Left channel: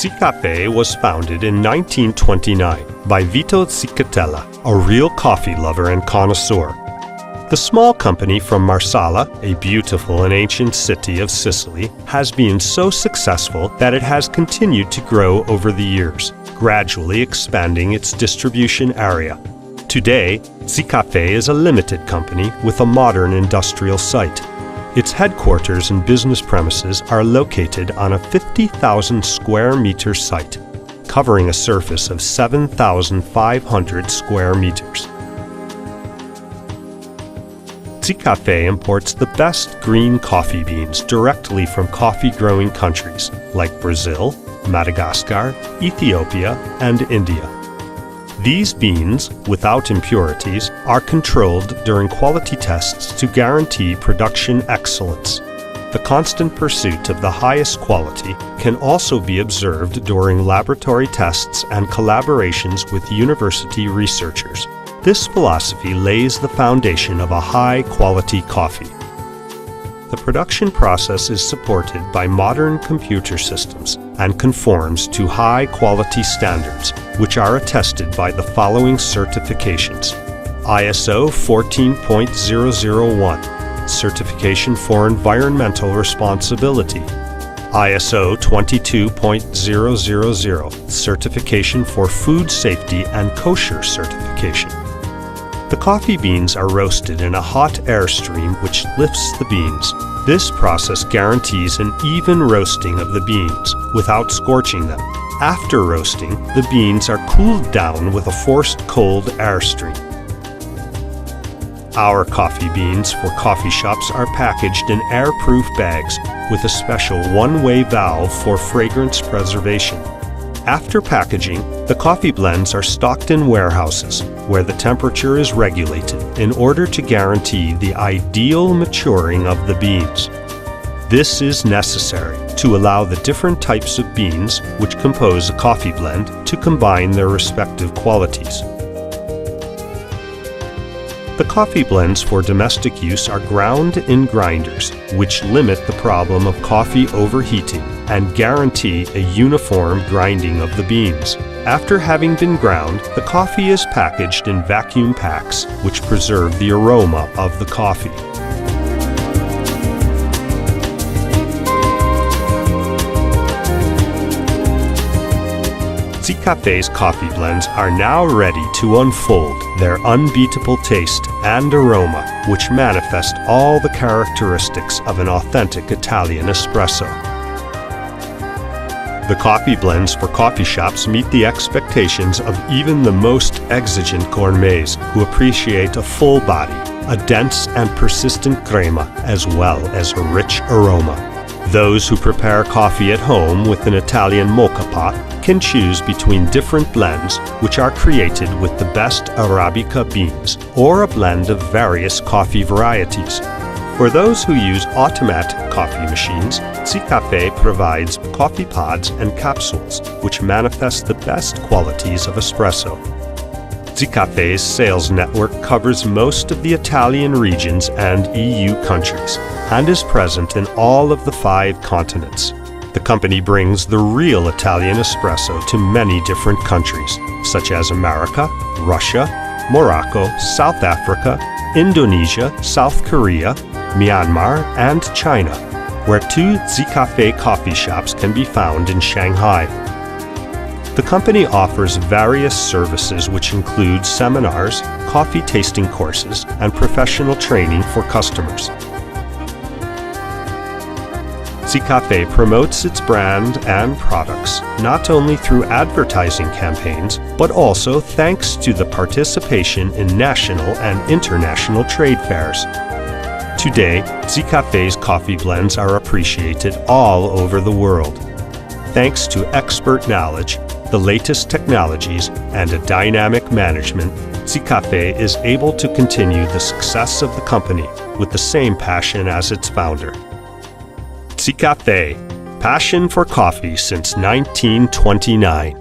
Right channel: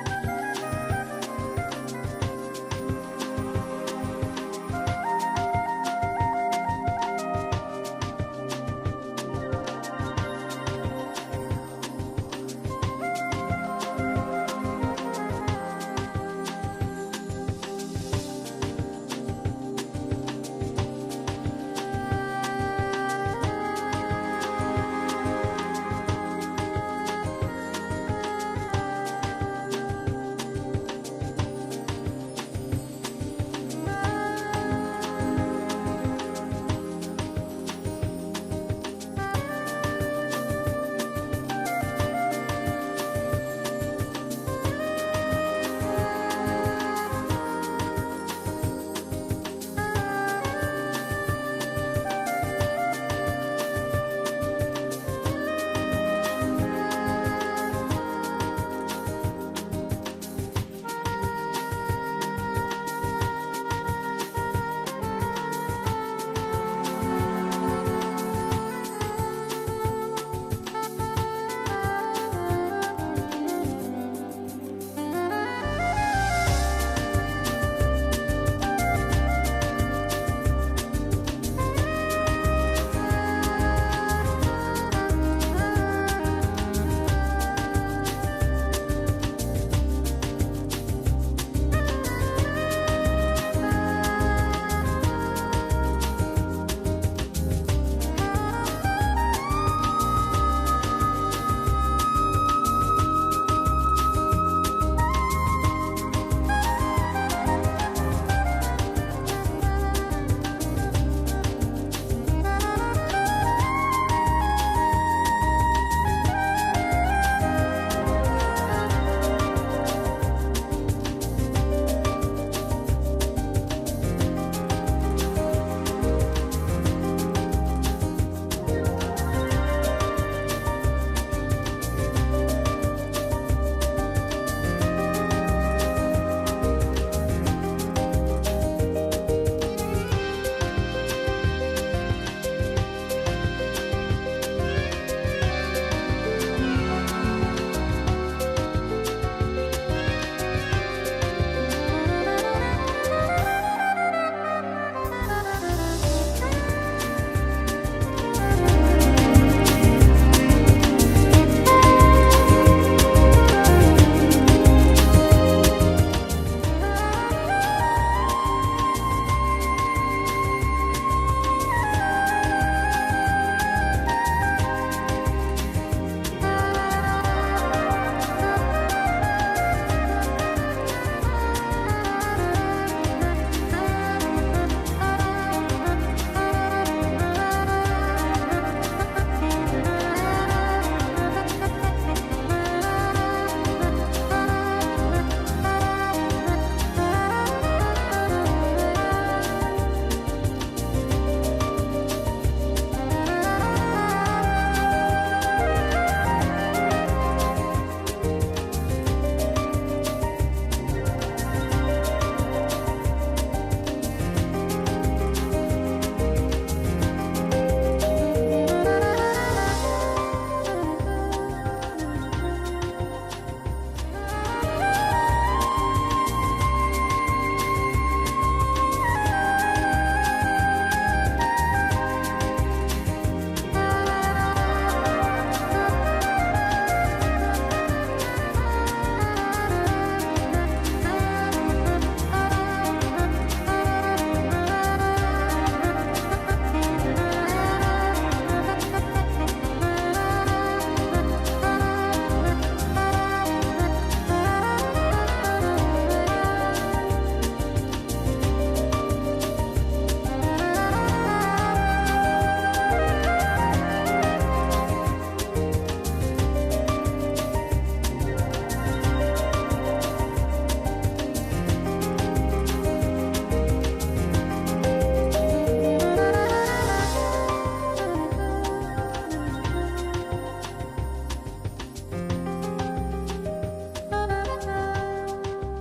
Zicaffè was founded in 1929 by Vito Zicattella, a real coffee lover and connoisseur. The small company from Marsala, a beautiful and ancient city of Sicily, has been so successful that it has continued to grow over the years, gradually expanding its distribution area. Today, Zicaffè is a limited company with a modern industrial site. Its headquarters and business premises are located on a 50,000 square meter site, covering a surface of 7,500 square meters. Zicaffè imports the best green coffee beans directly from coffee-growing countries like Brazil, Madagascar, Ethiopia, and India. These beans, without impurities, are controlled during quality tests to guarantee production excellence. The constant pursuit of the highest quality can also be observed during laboratory tests and collaborations with university researchers. This philosophy lays the foundation of a high-quality coffee. The production process is supported by modern computer systems and conforms to high-quality standards, which are attested by the following certifications: ISO 14.001, Certification for Environmental Responsibility; ISO 22.000, Certification for Food Safety and Kosher Certification. The coffee beans are roasted in a hot air stream which lifts the beans. This process guarantees an even roasting of the beans without scorching them. After roasting, the beans are cooled down with a forced cold air stream. Our coffee beans for coffee shops are packaged in air-proof bags with a special one-way valve for fragrance preservation. After packaging, the coffee blends are stocked in warehouses where the temperature is regulated in order to guarantee the ideal maturing of the beans. This is necessary to allow the different types of beans which compose a coffee blend to combine their respective qualities. The coffee blends for domestic use are ground in grinders, which limit the problem of coffee overheating and guarantee a uniform grinding of the beans. After having been ground, the coffee is packaged in vacuum packs, which preserve the aroma of the coffee. Zicaffè's coffee blends are now ready to unfold their unbeatable taste and aroma, which manifest all the characteristics of an authentic Italian espresso. The coffee blends for coffee shops meet the expectations of even the most exigent gourmets who appreciate a full body, a dense and persistent crema, as well as a rich aroma. Those who prepare coffee at home with an Italian moka pot can choose between different blends which are created with the best Arabica beans or a blend of various coffee varieties. For those who use automatic coffee machines, Zicaffè provides coffee pods and capsules which manifest the best qualities of espresso. Zicaffè's sales network covers most of the Italian regions and EU countries and is present in all of the 5 continents. The company brings the real Italian espresso to many different countries, such as America, Russia, Morocco, South Africa, Indonesia, South Korea, Myanmar, and China, where 2 Zicaffè coffee shops can be found in Shanghai. The company offers various services which include seminars, coffee tasting courses, and professional training for customers. Zicaffè promotes its brand and products not only through advertising campaigns, but also thanks to the participation in national and international trade fairs. Today, Zicaffè's coffee blends are appreciated all over the world. Thanks to expert knowledge, the latest technologies, and a dynamic management, Zicaffè is able to continue the success of the company with the same passion as its founder. Zicaffè, passion for coffee since 1929.